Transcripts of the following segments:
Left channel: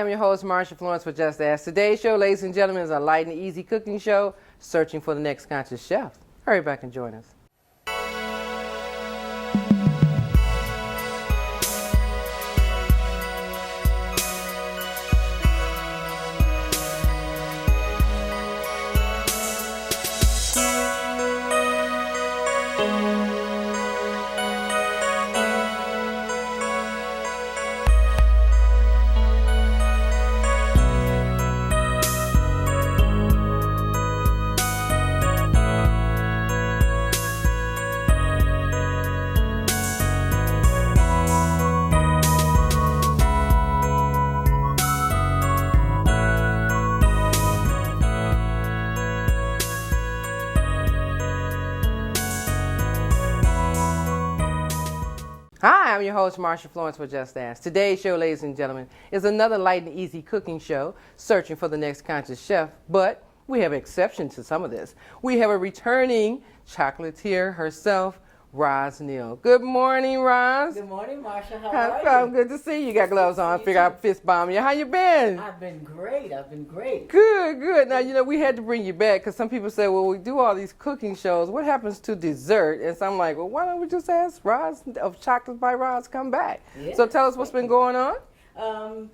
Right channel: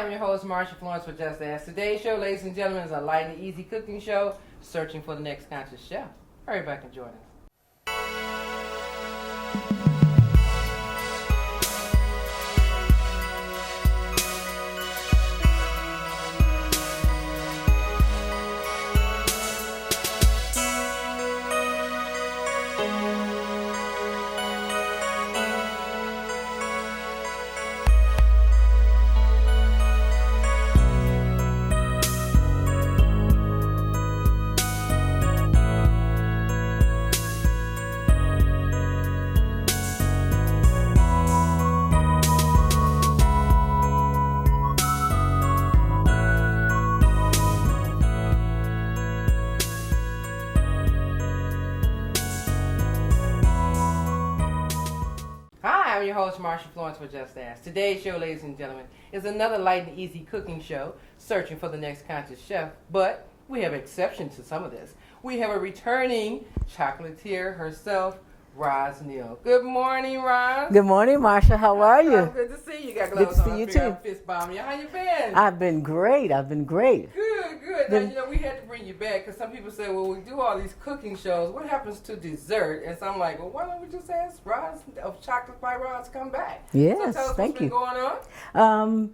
Hi, I'm your host, Marsha Florence with Just Ask. Today's show, ladies and gentlemen, is a light and easy cooking show, searching for the next conscious chef. Hurry back and join us. Hi, I'm your host, Marsha Florence with Just Ask. Today's show, ladies and gentlemen, is another light and easy cooking show, searching for the next conscious chef. But we have exceptions to some of this. We have a returning chocolatier herself, Rosalind. Good morning, Ros. Good morning, Marsha. How are you? Good to see you. You got gloves on. I figure I'll fist bomb you. How you been? I've been great. Good. Now, you know, we had to bring you back because some people say, well, we do all these cooking shows. What happens to dessert? And so I'm like, well, why don't we just ask Ros of Chocolate by Ros come back? Yes, so tell us what's been going on.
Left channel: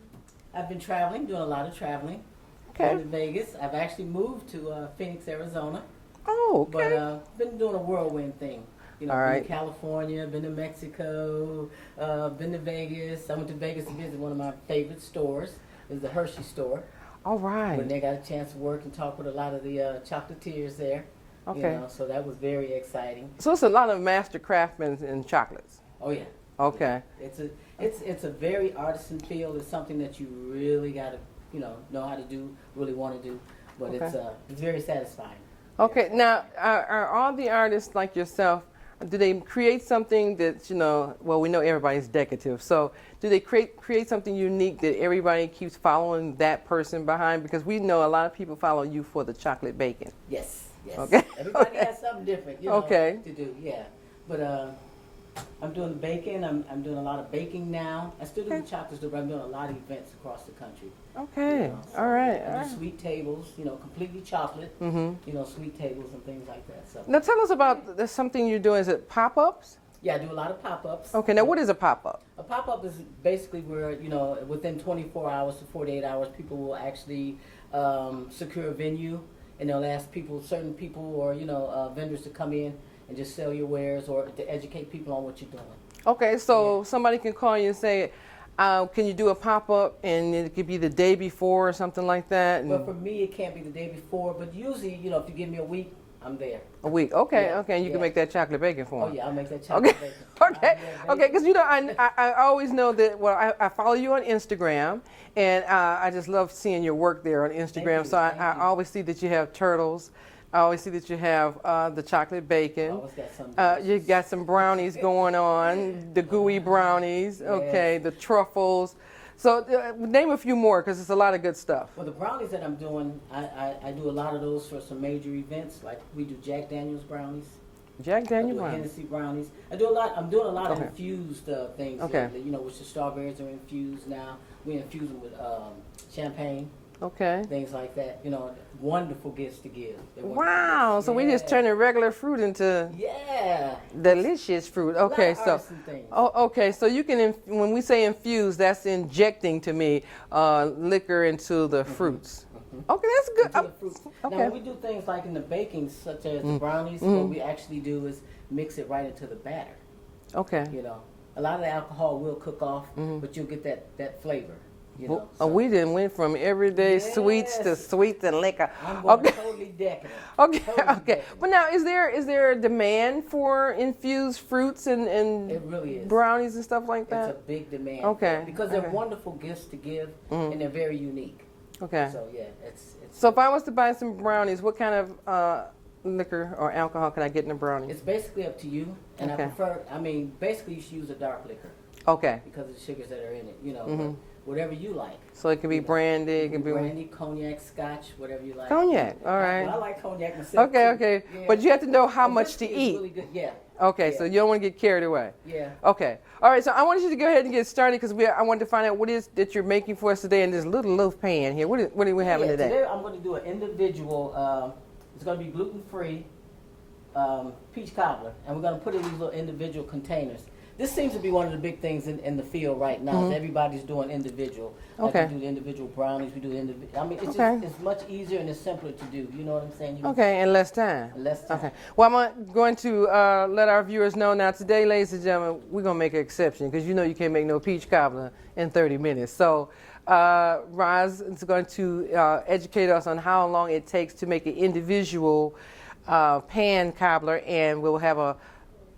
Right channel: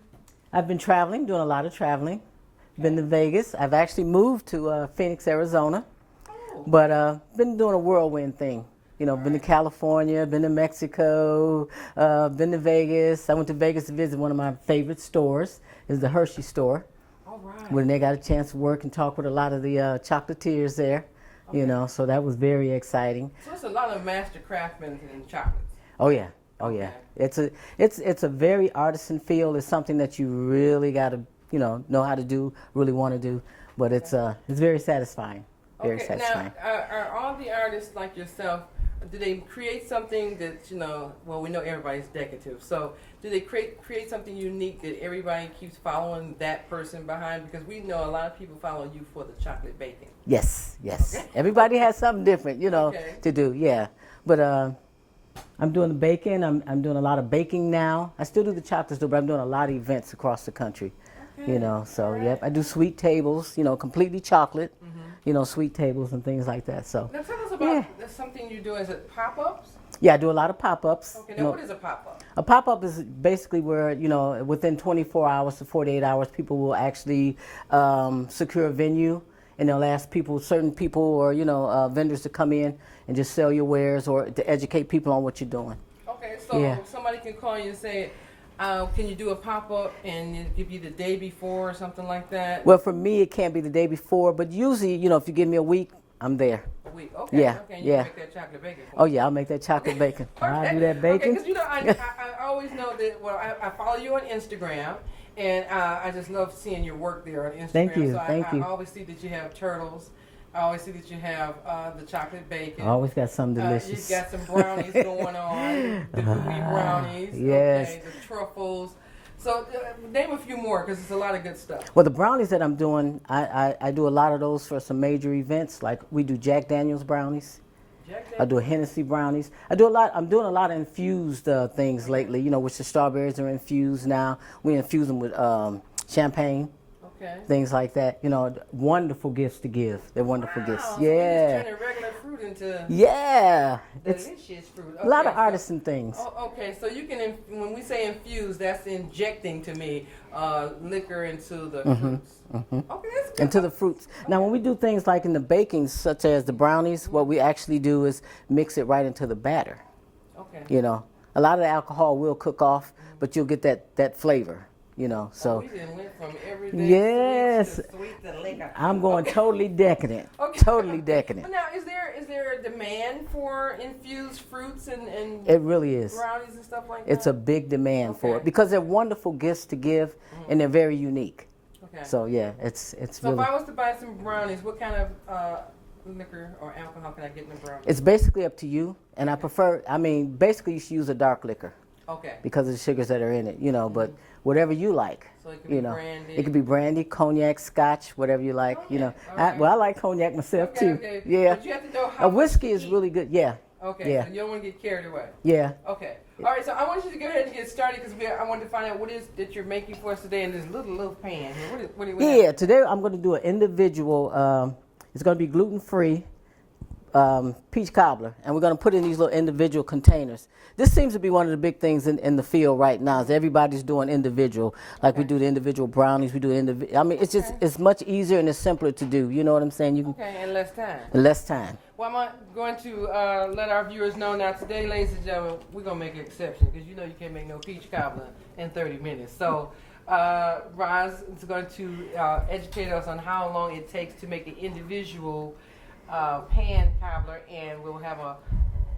I've been traveling, doing a lot of traveling. Okay. Been to Vegas. I've actually moved to Phoenix, Arizona. Oh, okay. But been doing a whirlwind thing. You know, All been right. to California, been to Mexico, been to Vegas. I went to Vegas to visit one of my favorite stores. It's the Hershey store. All right. When they got a chance to work and talk with a lot of the chocolatiers there. Okay. You know, so that was very exciting. So it's a lot of master craftsmen in chocolates. Oh yeah. Oh, Okay. Yeah. It's a very artisan field. It's something that you really got to know how to do, really want to do. But it's very satisfying. Very Okay. satisfying. Now, are all the artists like yourself? Do they create something that, well, we know everybody's decorative. So do they create something unique that everybody keeps following that person behind? Because we know a lot of people follow you for the chocolate bacon. Yes. Okay. Everybody has something different, Okay. to do. Yeah. But I'm doing the baking. I'm doing a lot of baking now. I still do the chocolate stuff, but I'm doing a lot of events across the country. Okay. So all right. yeah, I do sweet tables, completely chocolate, sweet tables and things like that. So Now tell us about there's something you're doing. Is it pop-ups? yeah, I do a lot of pop-ups. Okay. Now what is a pop-up? A pop-up is basically where, within 24 hours to 48 hours, people will actually secure a venue, and they'll ask certain people or, vendors to come in and just sell your wares or to educate people on what you're doing. Okay. So Yeah. somebody can call you and say, can you do a pop-up, and it could be the day before or something like that? Well, for me, it can't be the day before, but usually, if you give me a week, I'm there. A week. Okay. Yeah, Okay. You yeah. can make that chocolate bacon for me. Oh, yeah, I'll make that chocolate bacon. Okay. I'll do that bacon. Okay, because I always know that. Well, I follow you on Instagram, and I just love seeing your work there on Instagram. Thank you, So thank I you. always see that you have turtles. I always see that you have the chocolate bacon. I always got something delicious. You got some brownies going on, the gooey brownies. Yes. Okay, the truffles. So name a few more, because it's a lot of good stuff. Well, the brownies that I'm doing, I do a lot of those for some major events. Like we do Jack Daniel's brownies. Jack Daniels. I do a Hennessy brownies. I'm doing a lot of infused things Okay. lately. Which the strawberries are infused now. We infuse them with champagne. Okay. Things like that. Wonderful gifts to give. They're wonderful gifts. Wow. Yeah. So we just turning regular fruit into delicious fruit. Okay. A lot of so artisan things. Oh, okay. So you can, when we say infuse, that's injecting to me liquor into the fruits. Okay, that's good. Into the fruits. Now, okay. when we do things like in the baking, such as the brownies, what we actually do is mix it right into the batter. Okay. A lot of the alcohol will cook off, but you'll get that flavor. So we didn't went from everyday sweets to liquor. I'm going totally decadent. Okay. Totally decadent. Well, now, is there a demand for infused fruits and It really is. brownies and stuff like that? It's a big demand for it because they're wonderful gifts to give, and they're very unique. Okay. So yeah, it's. So really, if I was to buy some brownies, what kind of liquor or alcohol can I get in a brownie? it's basically up to you, and Okay. basically you should use a dark liquor Okay. because of the sugars that are in it. But whatever you like. So it can be brandy. It can be brandy, cognac, scotch, whatever you like. Cognac, all right. Well, I like cognac myself too. Okay. Yeah. But you have to know how much to whiskey eat. is really good. Yeah. Okay, Yeah. so you don't want to get carried away. Yeah. Okay. All right, so I want you to go ahead and get started because I wanted to find out what it is that you're making for us today in this little loaf pan here. What do we have today? Today I'm going to do an individual, it's going to be gluten-free peach cobbler, and we're going to put it in these little individual containers. This seems to be one of the big things in the field right now. Is everybody's doing individual. Like we do the individual brownies, we do individual. I mean, it's just it's much easier and it's simpler to do. You know what I'm saying? And less time. Less time. Okay. Well, I'm going to let our viewers know now. Today, ladies and gentlemen, we're gonna make an exception because you know you can't make no peach cobbler in 30 minutes. So, Roz is going to educate us on how long it takes to make an individual pan cobbler, and we'll have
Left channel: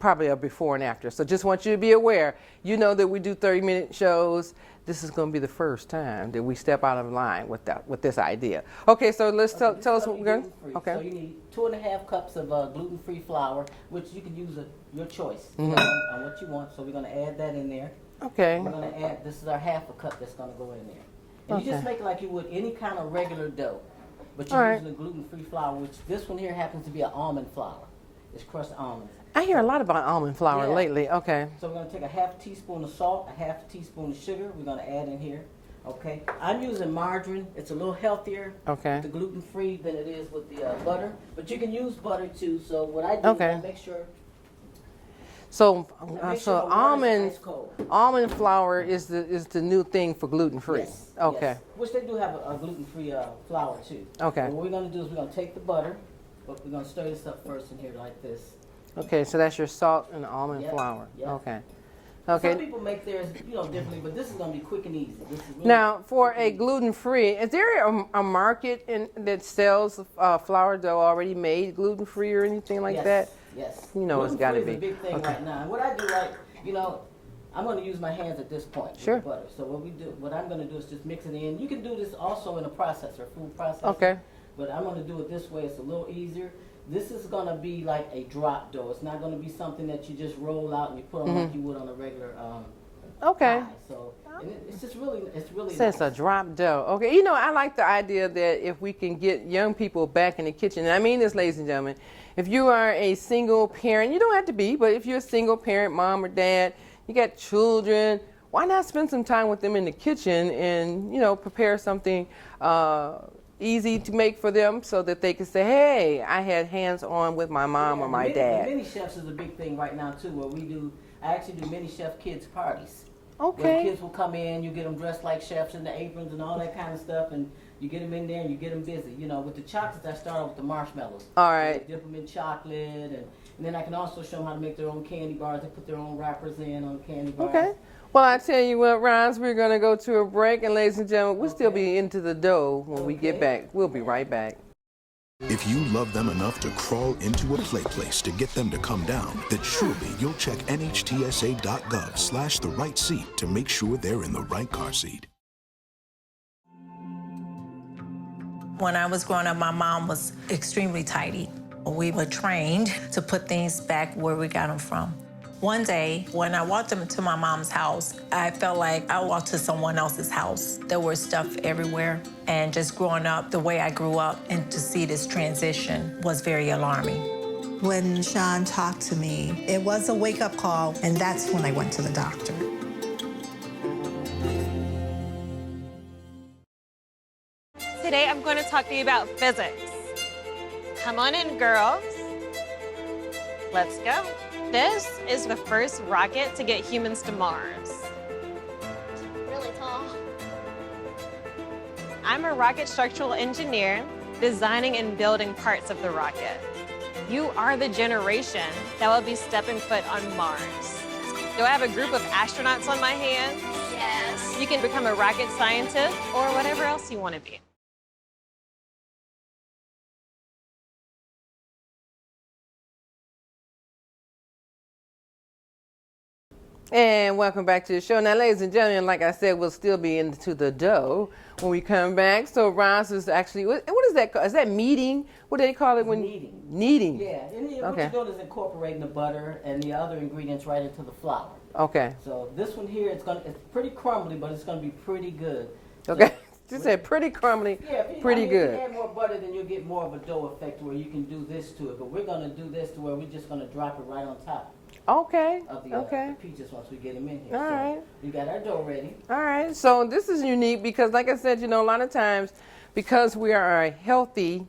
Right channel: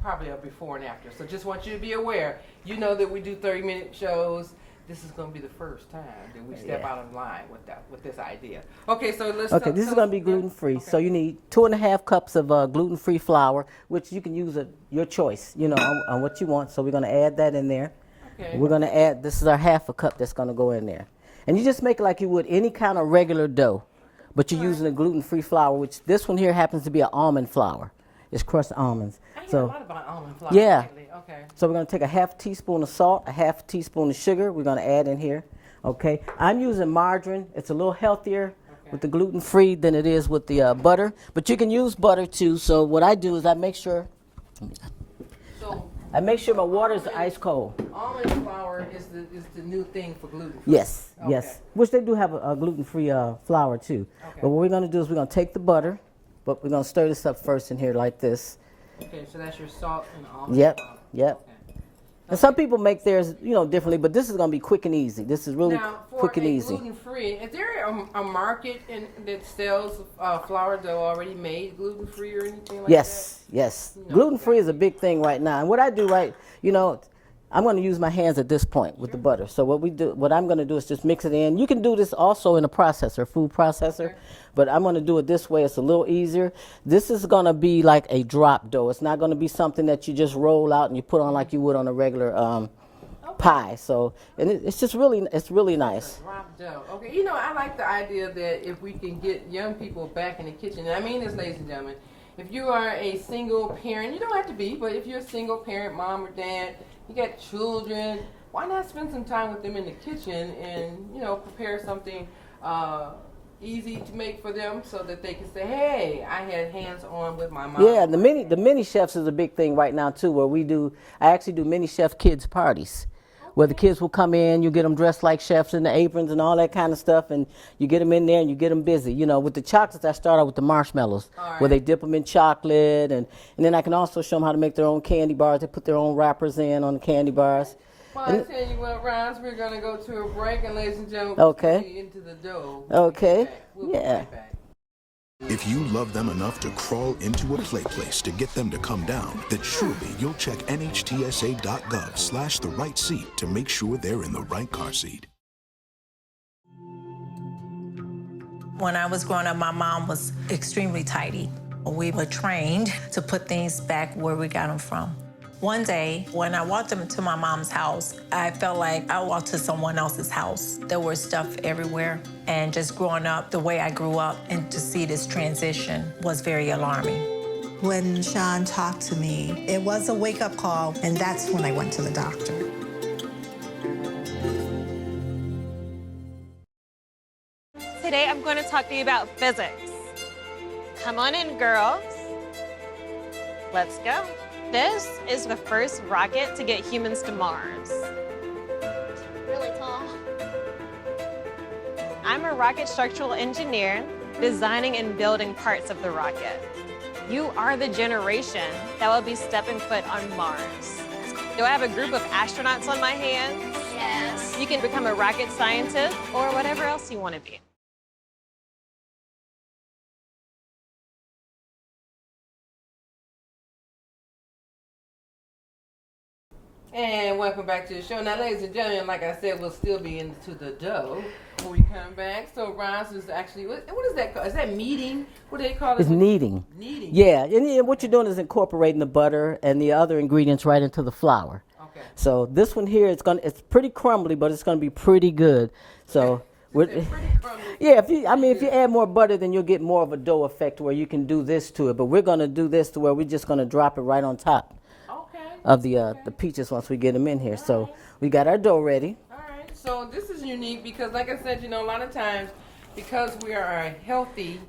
probably a before and after. So just want you to be aware. You know that we do 30-minute shows. This is going to be the first time that we step out of line with this idea. Okay, so let's tell this is us going to be gluten-free. Okay. So you need 2.5 cups of gluten-free flour, which you can use your choice, you know, on what you want. So we're going to add that in there. Okay. We're going to add, this is our 1/2 cup that's going to go in there. And you just make it like you would any kind of regular dough, but you're using a gluten-free flour, which this one here happens to be an almond flour. It's crushed almonds. I hear a lot about almond flour lately. Okay. So we're going to take a 1/2 teaspoon of salt, a 1/2 teaspoon of sugar. We're going to add in here. Okay. I'm using margarine. It's a little healthier with the gluten-free than it is with the butter. But you can use butter too. So what I do is I make sure. So I make sure my water is ice cold. Almond flour is the new thing for gluten-free. Yes. Okay. Yes. Which they do have a gluten-free flour too. Okay. But what we're going to do is we're going to take the butter, but we're going to stir this up first in here like this. Okay, so that's your salt and almond flour. Yep. Okay. Some people make theirs, differently, but this is going to be quick and easy. This is really now for quick and easy. gluten-free. Is there a market that sells flour dough already made gluten-free or anything like that? Yes. You know, gluten-free is a big thing right now. And what I do, I'm going to use my hands at this point with the butter. So what I'm going to do is just mix it in. You can do this also in a processor, food processor. Okay. But I'm going to do it this way. It's a little easier. This is going to be like a drop dough. It's not going to be something that you just roll out and you put on like you would on a regular pie. So and it's just really nice. It's a drop dough. Okay. I like the idea that if we can get young people back in the kitchen, and I mean this, ladies and gentlemen, if you are a single parent, you don't have to be, but if you're a single parent, mom or dad, you got children, why not spend some time with them in the kitchen and, prepare something easy to make for them so that they can say, hey, I had hands-on with my mom or my dad. The mini chefs is a big thing right now, too, where I actually do mini chef kids parties. Okay. Where the kids will come in, you get them dressed like chefs in the aprons and all that kind of stuff, and you get them in there and you get them busy. With the chocolates, I start out with the marshmallows, where they dip them in chocolate, and then I can also show them how to make their own candy bars. They put their own wrappers in on the candy bars. Okay. Well, I tell you what, Roz, we're going to go to a break, and ladies and gentlemen, we'll still be into the dough when we get back. We'll be right back. If you love them enough to crawl into a play place to get them to come down, then surely you'll check nhtsa.gov/the right seat to make sure they're in the right car seat. When I was growing up, my mom was extremely tidy. We were trained to put things back where we got them from. One day, when I walked into my mom's house, I felt like I walked to someone else's house. There was stuff everywhere. And just growing up the way I grew up and to see this transition was very alarming. When Sean talked to me, it was a wake-up call, and that's when I went to the doctor. Today I'm going to talk to you about physics. Come on in, girls. Let's go. This is the first rocket to get humans to Mars. Really tall. I'm a rocket structural engineer, designing and building parts of the rocket. You are the generation that will be stepping foot on Mars. Do I have a group of astronauts on my hands? Yes. You can become a rocket scientist or whatever else you want to be. And welcome back to the show. Now, ladies and gentlemen, like I said, we'll still be into the dough when we come back. So Roz is actually, what is that called? Is that kneading? What do they call it? It's kneading. Kneading. Yeah, and what Okay. you're doing is incorporating the butter and the other ingredients right into the flour. Okay. So this one here, it's pretty crumbly, but it's gonna be pretty good. Okay. So You said pretty crumbly. yeah, if pretty you good. add more butter, then you'll get more of a dough effect where you can do this to it. But we're gonna do this to where we're just gonna drop it right on top Okay. of the Okay. peaches once we get them in here. All So right. we got our dough ready. All right. So this is unique because, like I said, a lot of times, because we are a healthy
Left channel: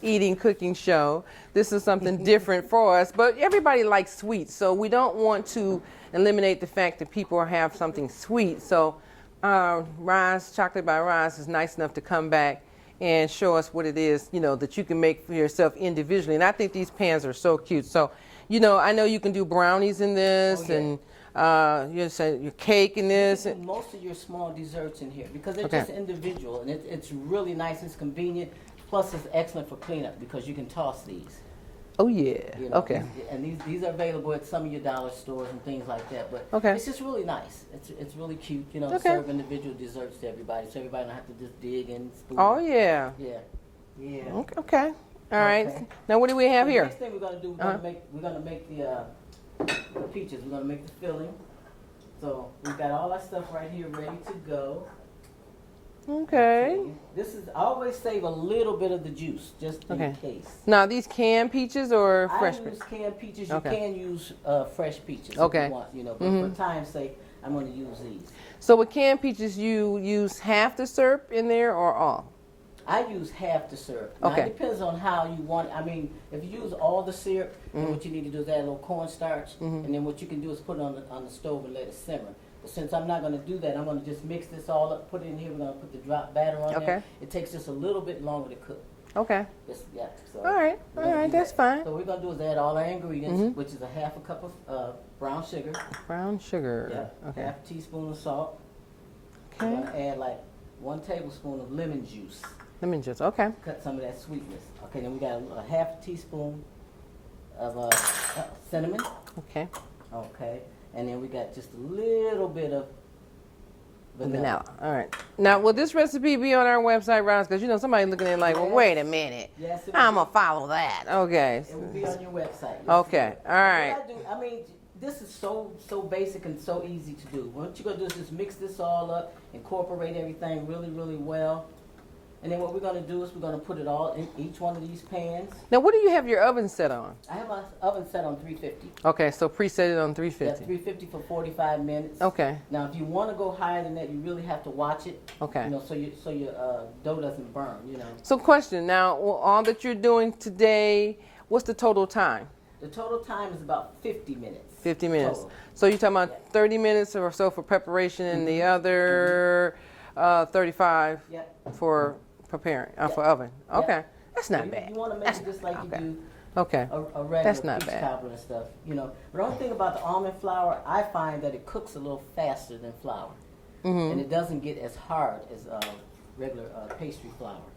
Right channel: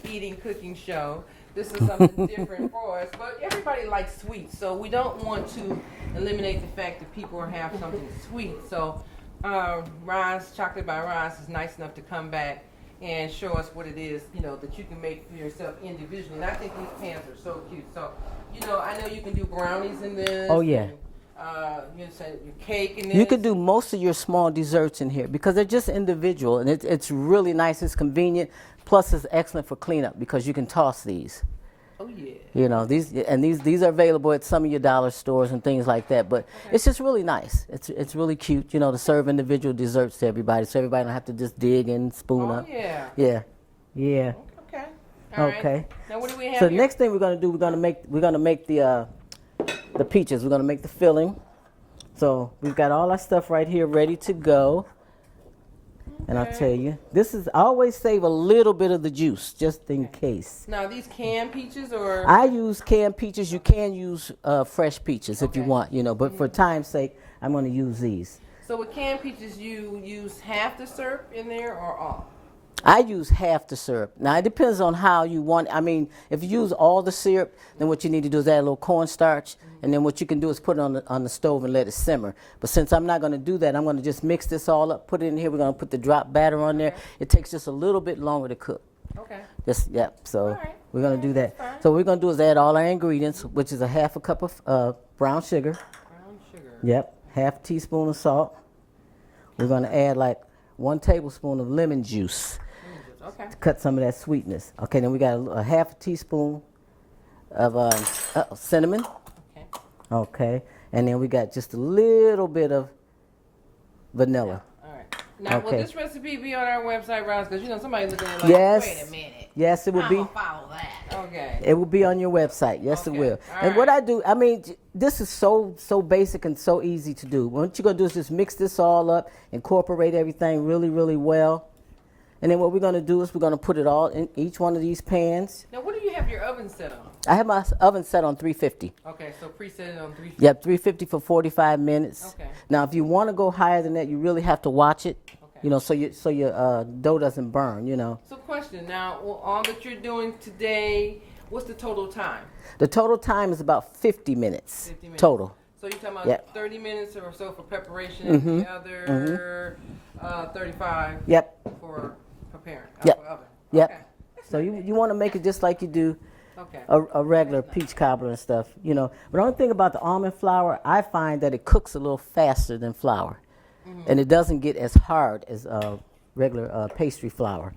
eating cooking show, this is something different for us. But everybody likes sweets, so we don't want to eliminate the fact that people have something sweet. So Roz, Chocolate by Roz, is nice enough to come back and show us what it is, that you can make for yourself individually. And I think these pans are so cute. So, I know you can do brownies in this. Oh, yeah. And you said your cake in this. You can do most of your small desserts in here because they're just individual, and it's really nice. It's convenient. Plus, it's excellent for cleanup because you can toss these. Oh yeah. Okay. These are available at some of your dollar stores and things like that. But Okay. it's just really nice. It's really cute, to serve individual desserts to everybody, so everybody don't have to just dig and spoon Oh up. yeah. Yeah. Yeah. Okay. All right. Okay. Now what do we have So here? the next thing we're gonna do, we're gonna make the peaches. We're gonna make the filling. So we've got all our stuff right here ready to go. Okay. And I'll tell you, I always save a little bit of the juice just in case. Now these canned peaches or I fresh use canned peaches. You Okay. can use fresh peaches if Okay. you want, but for time's sake, I'm going to use these. So with canned peaches, you use half the syrup in there or all? I use half the syrup. Now, Okay. it depends on how you want it. I mean, if you use all the syrup, then what you need to do is add a little cornstarch, and then what you can do is put it on the stove and let it simmer. But since I'm not going to do that, I'm going to just mix this all up, put it in here. We're going to put the drop batter on there. Okay. It takes just a little bit longer to cook. Okay. So All right. we're going to do that. That's fine. So what we're going to do is add all our ingredients, which is a half a cup of brown sugar. Brown sugar. Yep. Half a teaspoon of salt. We're going to add like 1 tablespoon of lemon juice. Lemon juice. Okay. Cut some of that sweetness. Okay, then we got a half a teaspoon of cinnamon. Okay. Okay, and then we got just a little bit of vanilla. Now, all right. Now, will Okay. this recipe be on our website, Roz? Because somebody looking at it like, Yes. wait a minute. Yes, it will I'm be. gonna follow that. Okay. It will be on your website. Yes, Okay, it will. all And what right. I do, I mean, this is so basic and so easy to do. What you're gonna do is just mix this all up, incorporate everything really, really well. And then what we're going to do is we're going to put it all in each one of these pans. Now, what do you have your oven set on? I have my oven set on 350. Okay, so preset it on 350. Yep, 350 for 45 minutes. Okay. Now, if you want to go higher than that, you really have to watch it. Okay. So your dough doesn't burn. So, question now, all that you're doing today, what's the total time? The total time is about 50 minutes. 50 minutes. Total. So you're talking about Yep. 30 minutes or so for preparation, and the other 35 Yep. for preparing Yep. for oven. Yep. Okay, that's So not you, bad. you want to make it just like you do Okay. a regular That's not peach bad. cobbler and stuff. But the only thing about the almond flour, I find that it cooks a little faster than flour, and it doesn't get as hard as regular pastry flour.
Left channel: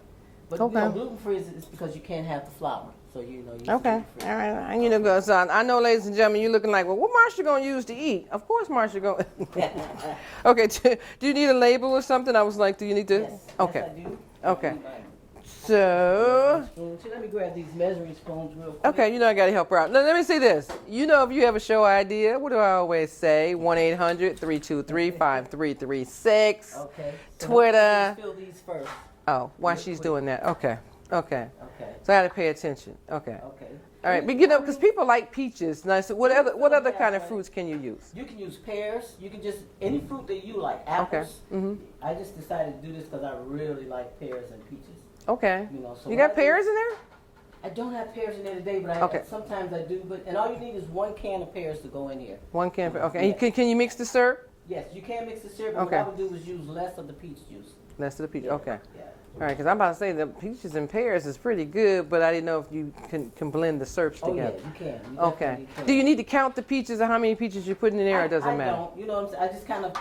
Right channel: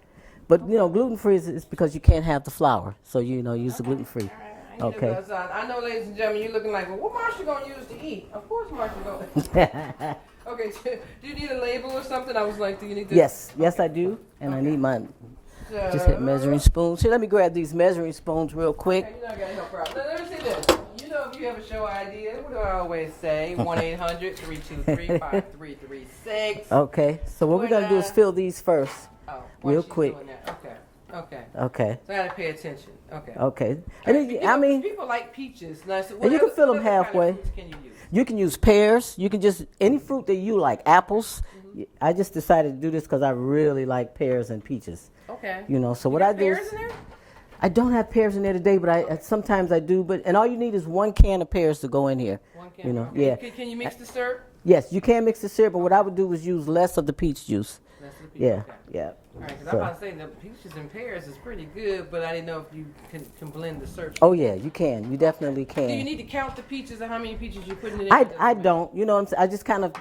But Okay. gluten free is because you can't have the flour, so use the Okay. gluten free. All right. Okay. So I know, ladies and gentlemen, you're looking like, well, what Marsha gonna use to eat? Of course, Marsha gonna. Okay. Do you need a label or something? I was like, do you need to? Yes, Okay. I do, and Okay. I need my just hit measuring So. spoons. Here, let me grab these measuring spoons real quick. Okay, I gotta help her out. Now, let me say this. If you have a show idea, what do I always say? 1-800-323-5336. Okay, so what we're gonna do is Twitter. fill these first. Oh, while Real she's quick. doing that. Okay. Okay. So I gotta pay attention. Okay. Okay. All right, but because I people like peaches. And I said, what you can other, fill what them other kind of halfway. fruits can you use? You can use pears. You can just any fruit that you like. Apples. I just decided to do this because I really like pears and peaches. Okay. So You what got I do pears is, in there? I don't have pears in there today, but Okay. sometimes I do. And all you need is 1 can of pears to go in here. 1 can. know, Okay. yeah. Can you mix the syrup? Yes, you can mix the syrup, but what Okay. I would do is use less of the peach juice. Less of the peach. Yeah. Okay. Yeah. All right, because I'm about to say the peaches and pears is pretty good, but I didn't know if you can blend the syrups Oh together. yeah, you can. You definitely can. Do you need to count the peaches or how many peaches you're putting in there? Or it doesn't I matter? don't. You know what I'm saying? I just kind of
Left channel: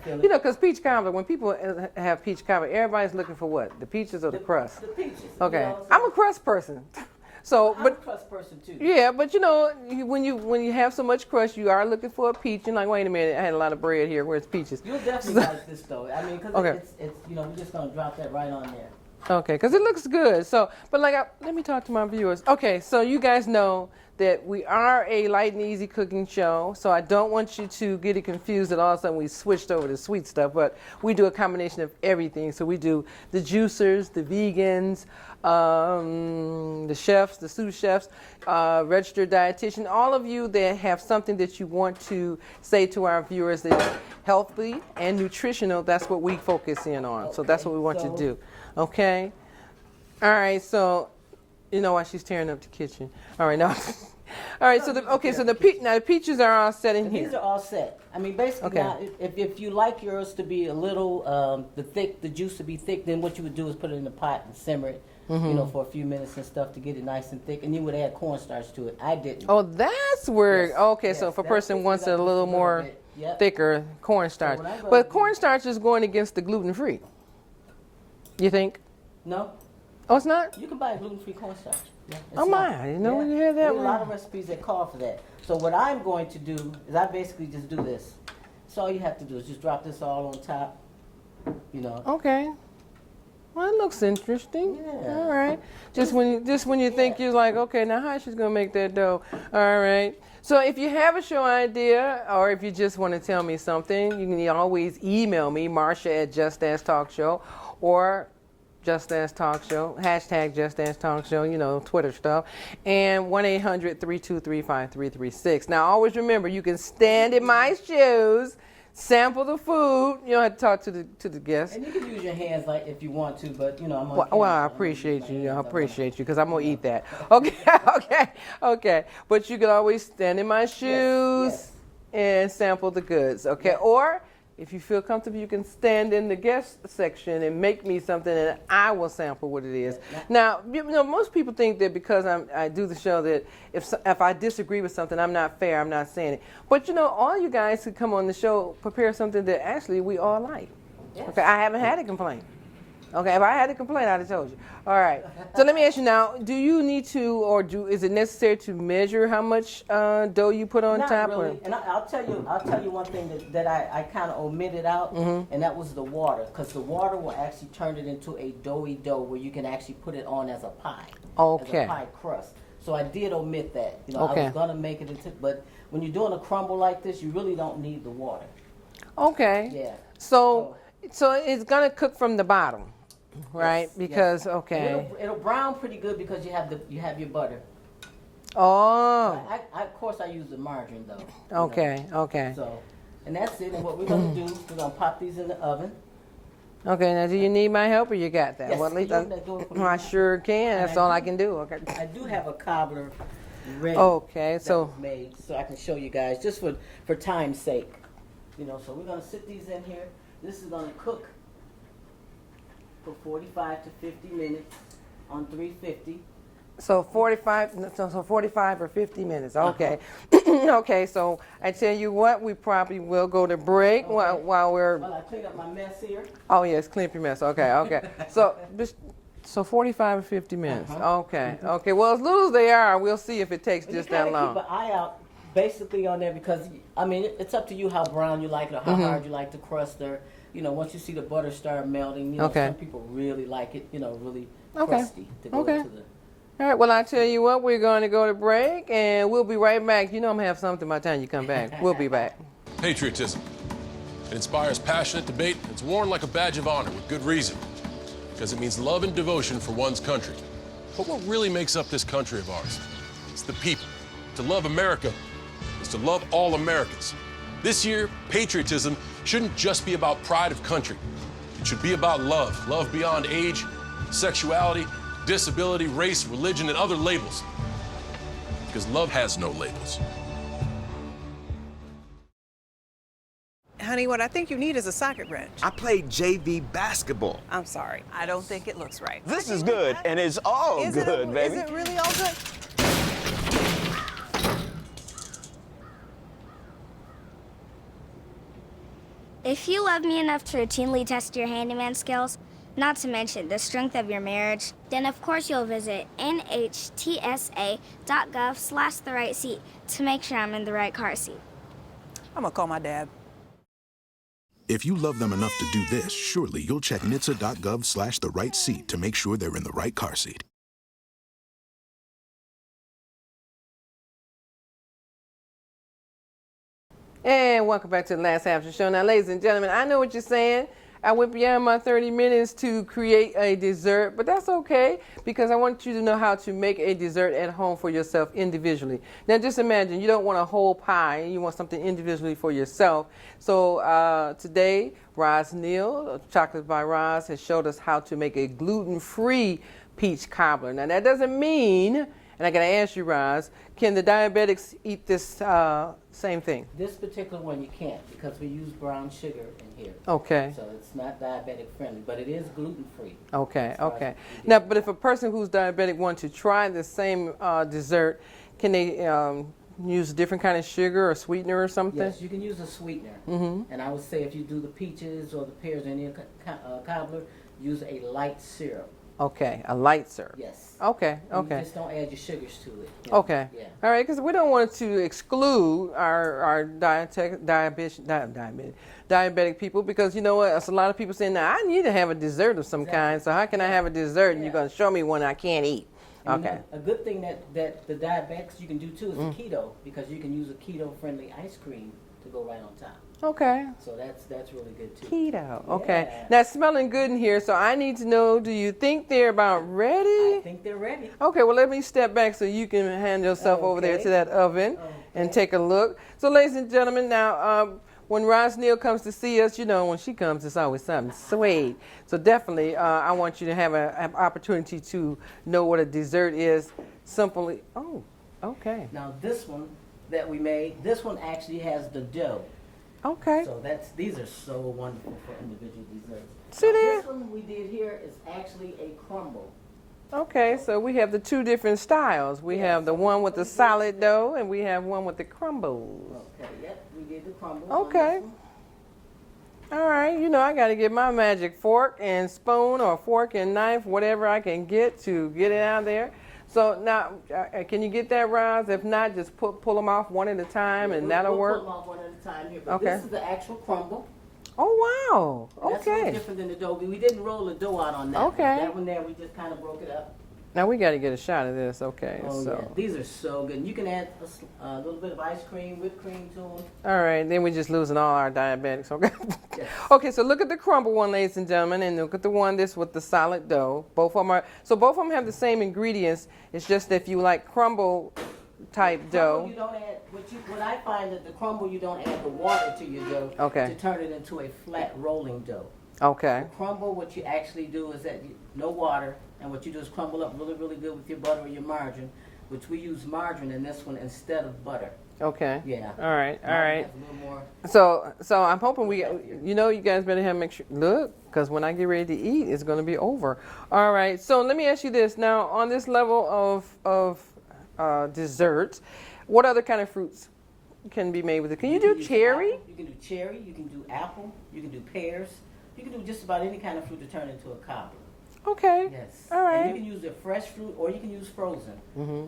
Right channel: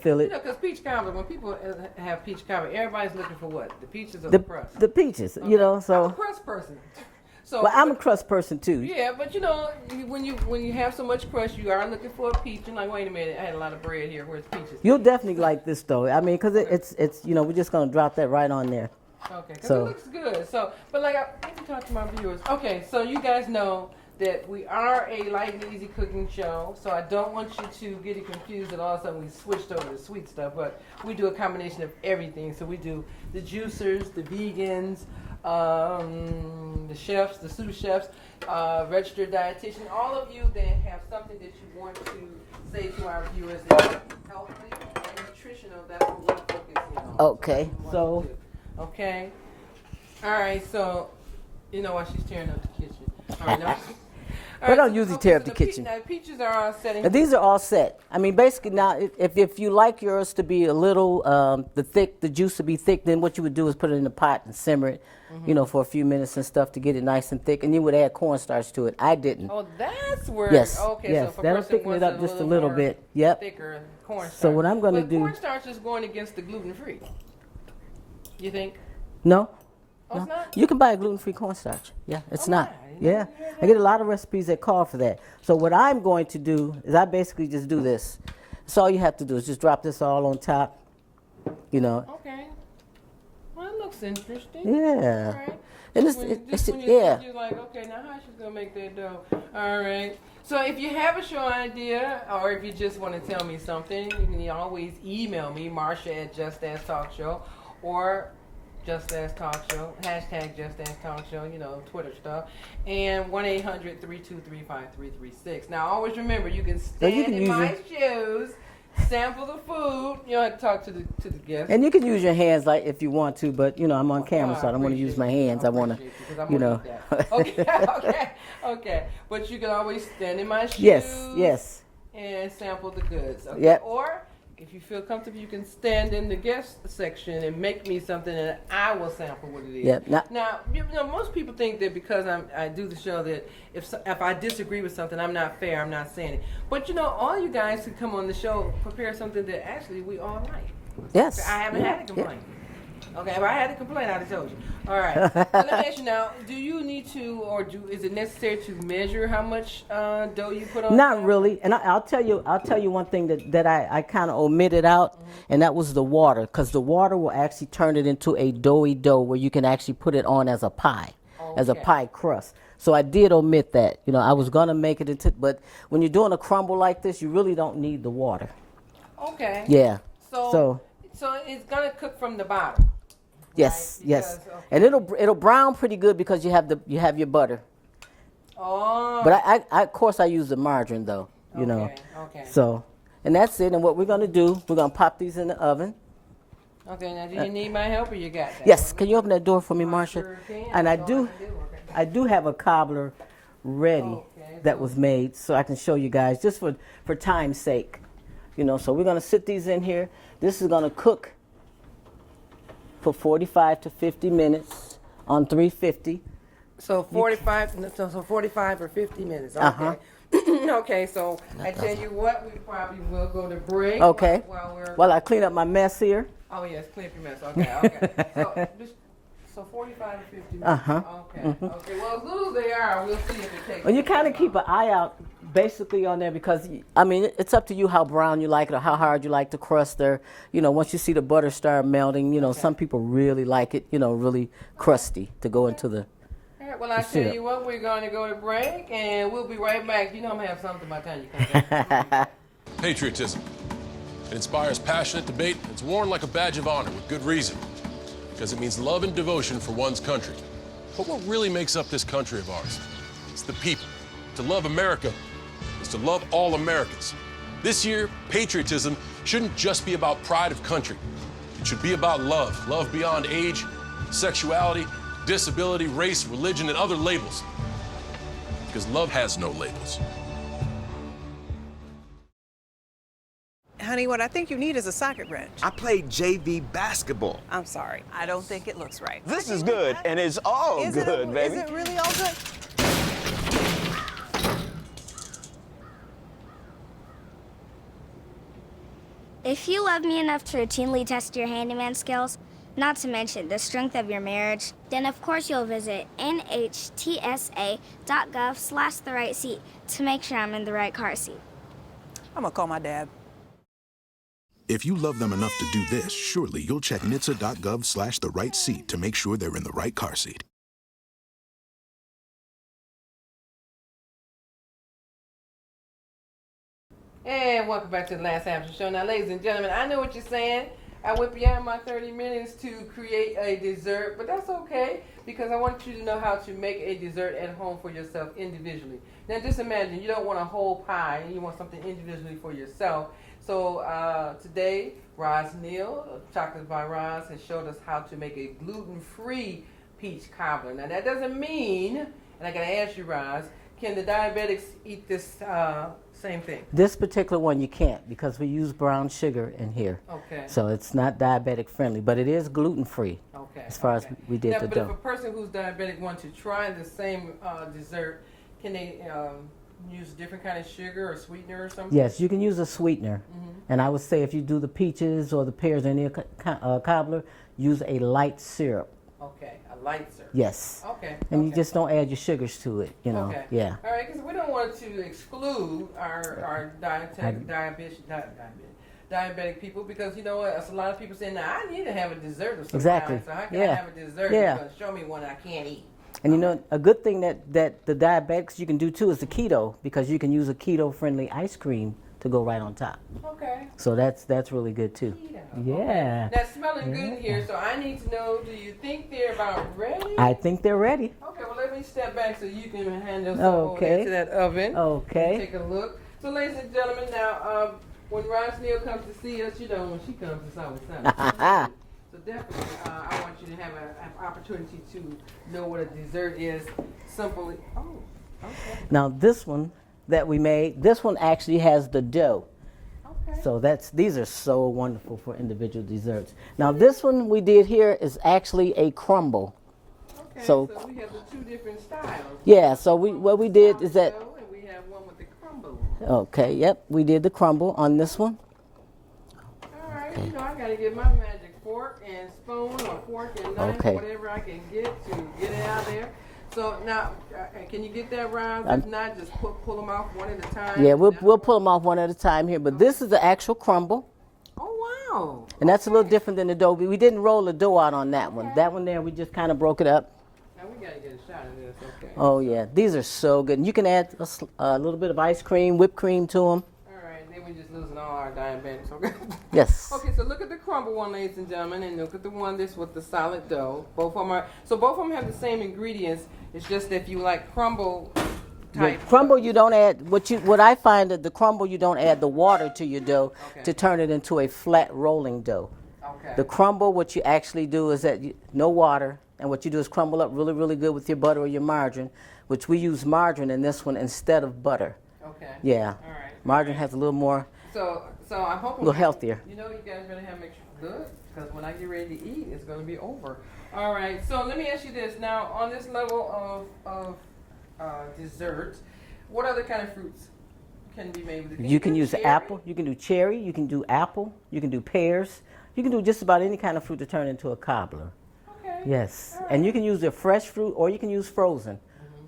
fill it. Because peach cobbler, when people have peach cobbler, everybody's looking for what? The peaches or the crust? The peaches. Okay. So I'm a crust person. So, Well, I'm a but- crust person too. Yeah, but when you have so much crust, you are looking for a peach. You're like, wait a minute, I had a lot of bread here. Where's peaches? You'll definitely like this though. I mean, because Okay. it's we're just gonna drop that right on there. Okay, because So- it looks good. So, but let me talk to my viewers. Okay, so you guys know that we are a light and easy cooking show. So I don't want you to get it confused that all of a sudden we switched over to sweet stuff. But we do a combination of everything. So we do the juicers, the vegans, the chefs, the sous chefs, registered dietitian, all of you that have something that you want to say to our viewers that's healthy and nutritional, that's what we focus in on. So that's Okay, what we want so- to do. Okay? All right, so you know why she's tearing up the kitchen. All right, now. All right, don't so the, usually okay, tear so up the, the kitchen. now the peaches are all set in And here. these are all set. I mean, basically Okay. now, if you like yours to be a little the juice to be thick, then what you would do is put it in the pot and simmer it, for a few minutes and stuff to get it nice and thick, and you would add cornstarch to it. I didn't. Oh, that's where. Yes, Okay, so yes, if a that'll person thicken wants it it up a just a little little more bit. Yep. thicker, cornstarch. what I'm gonna but do- cornstarch is going against the gluten free. You think? No? Oh, it's not. You can buy gluten-free cornstarch. Yeah, it's Oh, not. my, I didn't know you had that I get a lot one. of recipes that call for that. So what I'm going to do is I basically just do this. So all you have to do is just drop this all on top, Okay. Well, it looks interesting. Yeah. All right. It Just is- when you yeah. think you're like, okay, now how she's gonna make that dough? All right. So if you have a show idea, or if you just want to tell me something, you can always email me, Marsha at Just As Talk Show, or Just As Talk Show, hashtag Just As Talk Show, Twitter stuff, and 1-800-323-5336. Now, always remember, you can stand in my shoes, sample the food. You don't have to talk to the guests. And you can use your hands like if you want to, but I'm on camera, so I don't want to use my hands. I appreciate you because I'm gonna eat that. Okay, okay. But you can always stand in my shoes. Yes. And sample the goods. Okay. Yep. Or if you feel comfortable, you can stand in the guest section and make me something, and I will sample what it is. Yep. Now, most people think that because I do the show that if I disagree with something, I'm not fair. I'm not saying it. But all you guys who come on the show prepare something that actually we all like. Yes. Okay, I haven't had a complaint. Okay, if I had a complaint, I'd have told you. All right. So let me ask you now: do you need to, or is it necessary to measure how much dough you put on top? Not really. And I'll tell you one thing that I kind of omitted out, and that was the water, because the water will actually turn it into a doughy dough where you can actually put it on as a pie, as a Okay. pie crust. So I did omit that. I was Okay. gonna make it into, but when you're doing a crumble like this, you really don't need the water. Okay. Yeah. So it's gonna cook from the bottom, right? Yes. Because yes. okay. And it'll brown pretty good because you have your butter. Oh. But I of course I use the margarine though. Okay. Okay. So, and that's it. And what we're gonna do, we're gonna pop these in the oven. Okay. Now, do you need my help, or you got that? Yes. Well, Can you open that door for me, I Marsha? sure can. And That's I all I do- can do. Okay. I do have a cobbler ready. Okay, That so- was made, so I can show you guys just for time's sake. So we're gonna sit these in here. This is gonna cook for 45 to 50 minutes on 350. So 45 or 50 minutes. Uh-huh. Okay. Okay. So I tell you what, we probably will go to break Okay. while we're. While I clean up my mess here. Oh yes, clean up your mess. Okay. Okay. So 45 or 50 minutes. Okay. Okay. Well, as little as they are, we'll see if it takes. Well, you just that kind of long. keep an eye out basically on there because, it's up to you how brown you like it or how hard you like the crust there. Once you see the butter start melting, Okay. some people really like it, really crusty to go into the... All right. Well, I tell it. you what, we're going to go to break, and we'll be right back. I'm gonna have something by the time you come back. We'll be back. Patriotism. It inspires passionate debate. It's worn like a badge of honor with good reason, because it means love and devotion for one's country. But what really makes up this country of ours? It's the people. To love America is to love all Americans. This year, patriotism shouldn't just be about pride of country. It should be about love. Love beyond age, sexuality, disability, race, religion, and other labels. Because love has no labels. Honey, what I think you need is a socket wrench. I played JV basketball. I'm sorry. I don't think it looks right. This is good, and it's all Is good, baby. Is it really all good? If you love me enough to routinely test your handyman skills, not to mention the strength of your marriage, then of course you'll visit nhtsa.gov/the-right-seat to make sure I'm in the right car seat. I'm gonna call my dad. If you love them enough to do this, surely you'll check nhtsa.gov/the-right-seat to make sure they're in the right car seat. And welcome back to the last half of the show. Now, ladies and gentlemen, I know what you're saying. I went beyond my 30 minutes to create a dessert, but that's okay because I want you to know how to make a dessert at home for yourself individually. Now, just imagine you don't want a whole pie and you want something individually for yourself. So today, Neal, Chocolate by Roz, has showed us how to make a gluten-free peach cobbler. Now, that doesn't mean, and I got to ask you, Roz, can the diabetics eat this same thing? This particular one you can't because we use brown sugar in here. Okay. So it's not diabetic friendly, but it is gluten free. Okay. As far okay. as we did Now, the but if dough. a person who's diabetic wants to try the same dessert, can they use a different kind of sugar or sweetener or something? Yes, you can use a sweetener. And I would say if you do the peaches or the pears in the cobbler, use a light syrup. Okay, a light syrup. Yes. Okay. And okay. you just don't add your sugars to it. You know? Okay. Yeah. All right, because we don't want to exclude our diabetic people because you know what? There's a lot of people saying, now I need to have a dessert of some kind. So how can I have a dessert? Yeah. You're going to show me one I can't eat. And you know, a good thing that the diabetics you can do too is the keto because you can use a keto-friendly ice cream to go right on top. Okay. So that's really good too. Keto. Yeah. Okay. Now, it's smelling good in here, so I need to know, do you think they're about ready? I think they're ready. Okay, well, let me step back so you can hand yourself over there to that oven and take a look. So, ladies and gentlemen, now, when Neal comes to see us, you know, when she comes, it's always something sweet. So definitely, I want you to have an opportunity to know what a dessert is. Simply, oh, okay. Now, this one that we made, this one actually has the dough. Okay. So these are so wonderful for individual desserts. Now, this one we did here is actually a crumble. Okay, so we have the two different styles. We have the one with the solid dough, and we have one with the crumble. Okay, yep, we did the crumble on this one. All right, you know I got to get my magic fork and spoon or fork and knife, whatever I can get to get it out there. So now, can you get that, Roz? If not, just pull them off one at a time. Yeah, we'll pull them off one at a time here. But this is the actual crumble. Oh, wow. And that's a little different than the dough. We didn't roll the dough out on that one. That one there, we just kind of broke it up. Now we got to get a shot of this, Oh, yeah. These are so good. And you can add a little bit of ice cream, whipped cream to them. All right. Then we're just losing all our diabetics, okay? Yes. Okay, so look at the crumble one, ladies and gentlemen, and look at the one with the solid dough. Both of them both of them have the same ingredients. It's just that if you like crumble type the crumble, dough, you don't add, what I find that the crumble, you don't add the water to your dough to turn it into a flat rolling dough. Okay. The crumble, what you actually do is that no water. And what you do is crumble up really, really good with your butter or your margarine, which we use margarine in this one instead of butter. Okay. Yeah. All right. Margarine has a little more. So I'm hoping a little healthier. You know, you guys better make sure look, because when I get ready to eat, it's going to be over. All right. So let me ask you this now: on this level of desserts, what other kind of fruits can be made with it? You can do use cherry? apple. You can do cherry. You can do apple. You can do pears. You can do just about any kind of fruit to turn into a cobbler. Okay. Yes. All right. And you can use the fresh fruit or you can use frozen.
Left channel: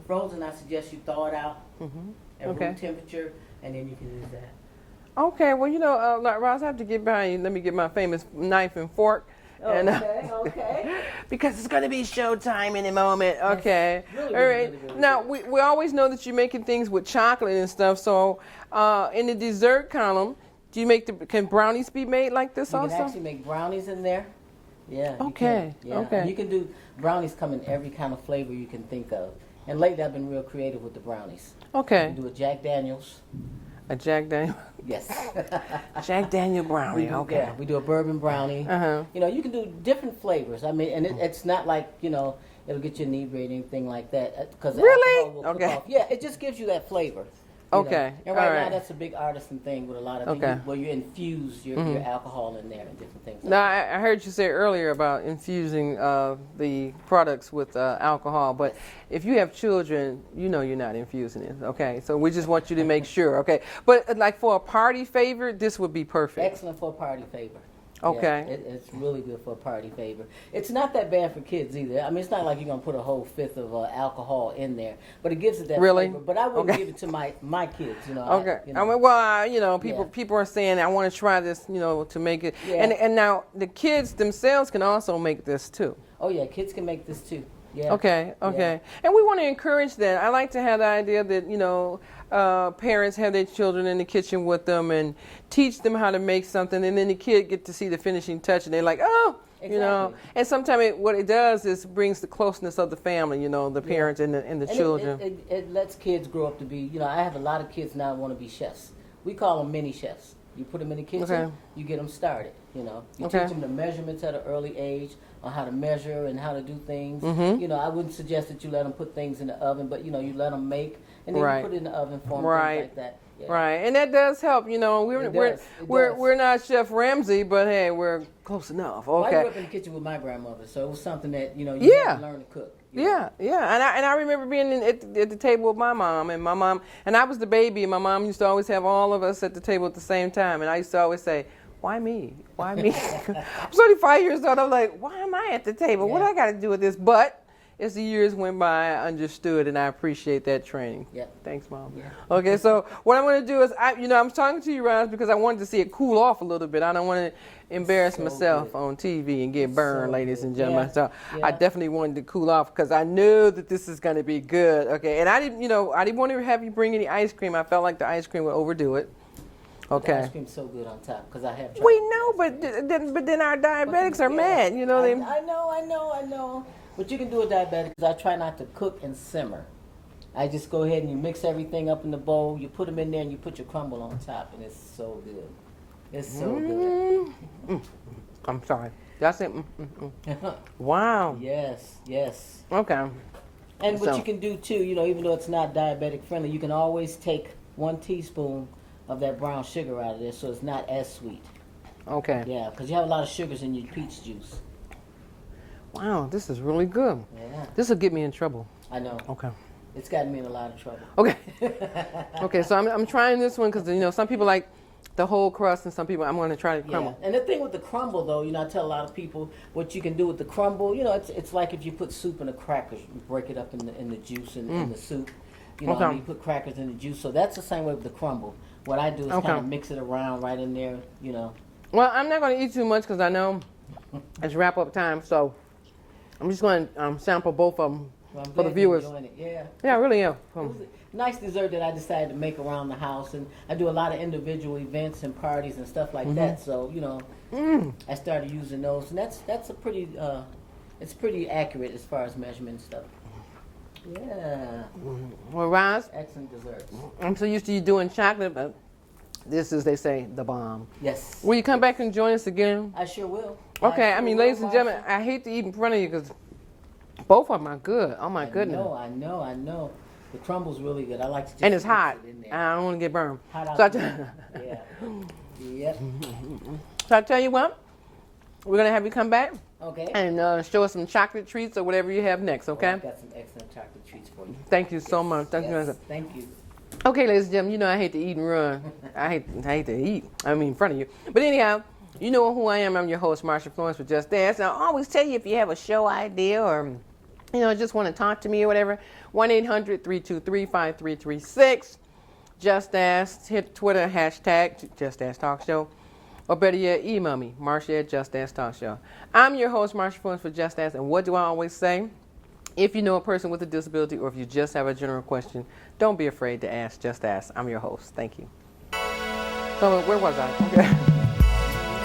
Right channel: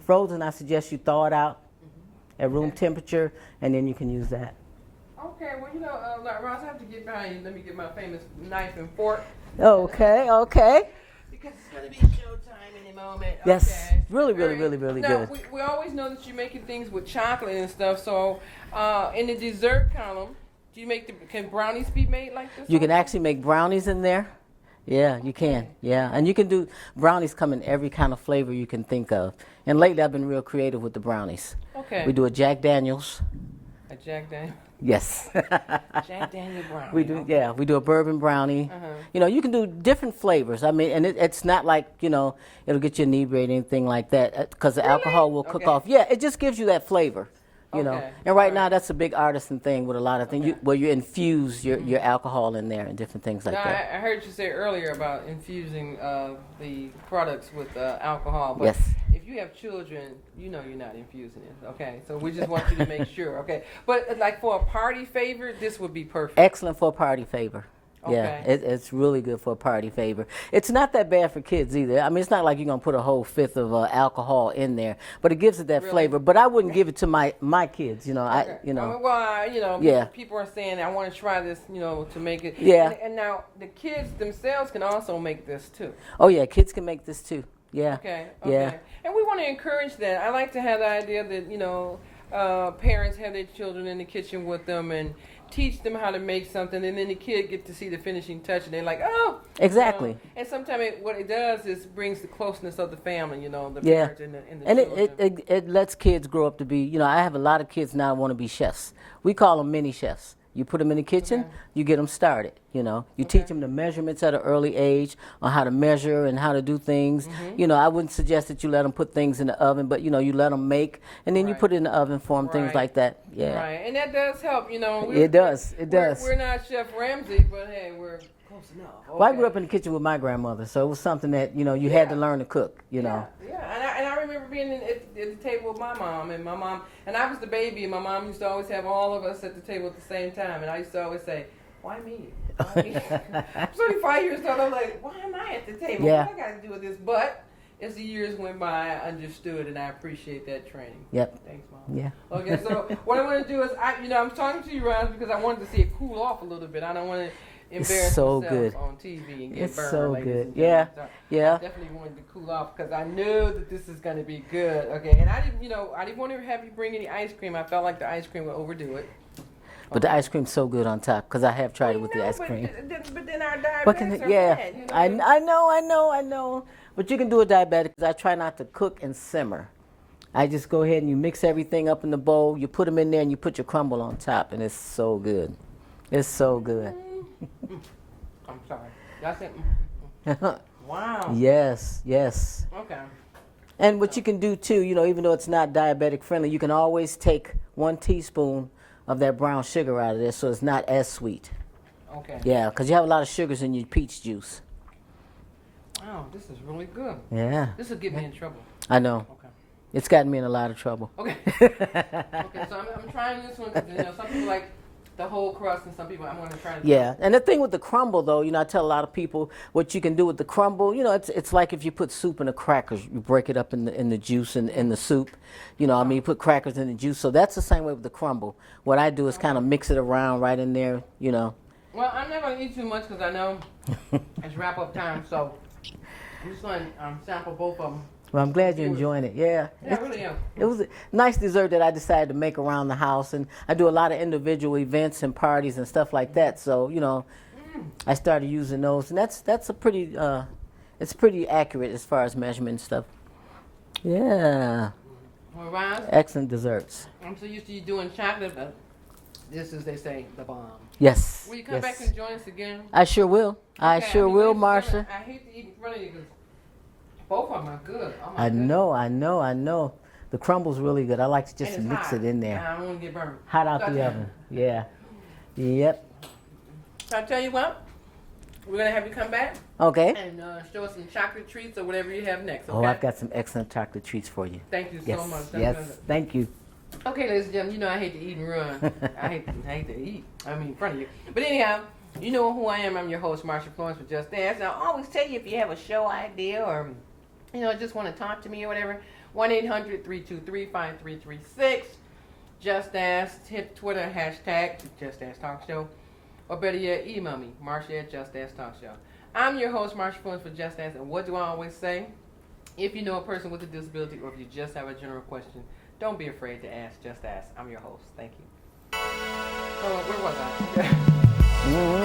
Frozen, I suggest you thaw it out at room temperature, and then you can use that. Okay. Well, you know, Roz, I have to get behind you. Let me get my famous knife and fork. Okay. Because it's going to be showtime in a moment. Yes. Okay. Really now, good. we always know that you're making things with chocolate and stuff. So in the dessert column, do you can brownies be made like this You also? can actually make brownies in there. Yeah, you can. Yeah, and you can do brownies come in every kind of flavor you can think of. And lately, I've been real creative with the brownies. Okay. We do a Jack Daniels. A Jack Daniel. Yes. Jack Daniel brownie. Yeah, we do a bourbon brownie. You know, you can do different flavors. I mean, and it's not like it'll get you inebriated or anything like that because the alcohol will cook off. Yeah, it just gives you that flavor. You know? And right now, that's a big artisan thing with a lot of things where you infuse your alcohol in there and different things like that. I heard you say earlier about infusing the products with alcohol, but if you have children, you know you're not infusing it, okay? So we just want you to make sure, okay? But like for a party favor, this would be perfect. Excellent for a party favor. Okay. Yeah, it's really good for a party favor. It's not that bad for kids either. I mean, it's not like you're going to put a whole fifth of alcohol in there, but it gives it that flavor. But I wouldn't give it to my kids, you know. Okay. I mean, well, people are saying, I want to try this, you know, to make it. Yeah. And now the kids themselves can also make this too. Oh, yeah, kids can make this too. Yeah. Okay. Yeah. And we want to encourage that. I like to have the idea that, you know, parents have their children in the kitchen with them and teach them how to make something, and then the kid get to see the finishing touch, and they're like, oh. Exactly. You know? And sometimes what it does is brings the closeness of the family, you know, the parents and the children. It lets kids grow up to be, you know, I have a lot of kids now want to be chefs. We call them mini chefs. You put them in the kitchen, you get them started, you know. You teach them the measurements at an early age on how to measure and how to do things. You know, I wouldn't suggest that you let them put things in the oven, but, you know, you let them make, and then you put it in the oven for them, things like that. Yeah. Right, and that does help, you know. It does. We're not Chef Ramsay, but, hey, we're close enough. Okay. Well, I grew up in the kitchen with my grandmother, so it was something that, you know, you had to learn to cook. You know? Yeah. And I remember being at the table with my mom, and I was the baby, and my mom used to always have all of us at the table at the same time, and I used to always say, why me? Why me? I'm 35 years old, I'm like, why am I at the table? What do I got to do with this? But as the years went by, I understood, and I appreciate that training. Yep. Thanks, Mom. Yeah. Okay, so what I'm going to do is, I'm talking to you, Roz, because I wanted to see it cool off a little bit. I don't want to embarrass myself on TV and get burned, ladies and gentlemen. So I definitely wanted to cool off because I knew that this is going to be good. Okay, and I didn't want to have you bring any ice cream. I felt like the ice cream would overdo it. But the ice cream's so good on top because I have tried with the ice cream. But then our diabetics are mad, you know. I know. But you can do a diabetic because I try not to cook and simmer. I just go ahead and you mix everything up in the bowl, you put them in there, and you put your crumble on top, and it's so good. It's so good. I'm sorry. That's it. Wow. Yes. Okay. And what you can do too, you know, even though it's not diabetic friendly, you can always take 1 teaspoon of that brown sugar out of there so it's not as sweet. Okay. Yeah, because you have a lot of sugars in your peach juice. Wow, this is really good. Yeah. This will get me in trouble. I know. Okay. It's gotten me in a lot of trouble. Okay. Okay, so I'm trying this one because, you know, some people like the whole crust and some people I'm going to try to Yeah, and the thing with the crumble, though, you know, I tell a lot of people what you can do with the crumble. You know, it's like if you put soup in the crackers, you break it up in the juice and in the soup. You know, I mean, you put crackers in the juice. So that's the same way with the crumble. What I do is kind of mix it around right in there, you know. Well, I'm not going to eat too much because I know it's wrap-up time, so I'm just going to sample both of them. Well, I'm glad you're enjoying it. Yeah. Yeah, I really am. It was a nice dessert that I decided to make around the house, and I do a lot of individual events and parties and stuff like that. So, you know, I started using those, and that's a pretty, it's pretty accurate as far as measurement and stuff. Yeah. Well, Roz, excellent desserts. I'm so used to you doing chocolate, but this is, they say, the bomb. Yes. Will you come back and join us again? I sure will. Okay. I sure will, ladies and gentlemen, Marsha. I hate to eat in front of you because both of them are good. Oh my goodness. I know. The crumble's really good. I like to just mix it in there. I don't want to get burned. Hot out the oven. Yeah. Yep. So I tell you what, we're gonna have you come back. Okay. And show us some chocolate treats or whatever you have next. Okay. Oh, I've got some excellent chocolate treats for you. Thank you so much. Thank you. Okay, ladies and gentlemen, you know I hate to eat and run. I hate to eat. I mean, in front of you. But anyhow, you know who I am. I'm your host, Marsha Florence with Just Dance. And I always tell you if you have a show idea or, you know, just want to talk to me or whatever, 1-800-323-5336. Just Ask. Hit Twitter, hashtag Just Ask Talk Show. Or better yet, email me, Marsha at Just Ask Talk Show. I'm your host, Marsha Florence for Just Ask. And what do I always say? If you know a person with a disability or if you just have a general question, don't be afraid to ask. Just ask. I'm your host. Thank you. So where was I?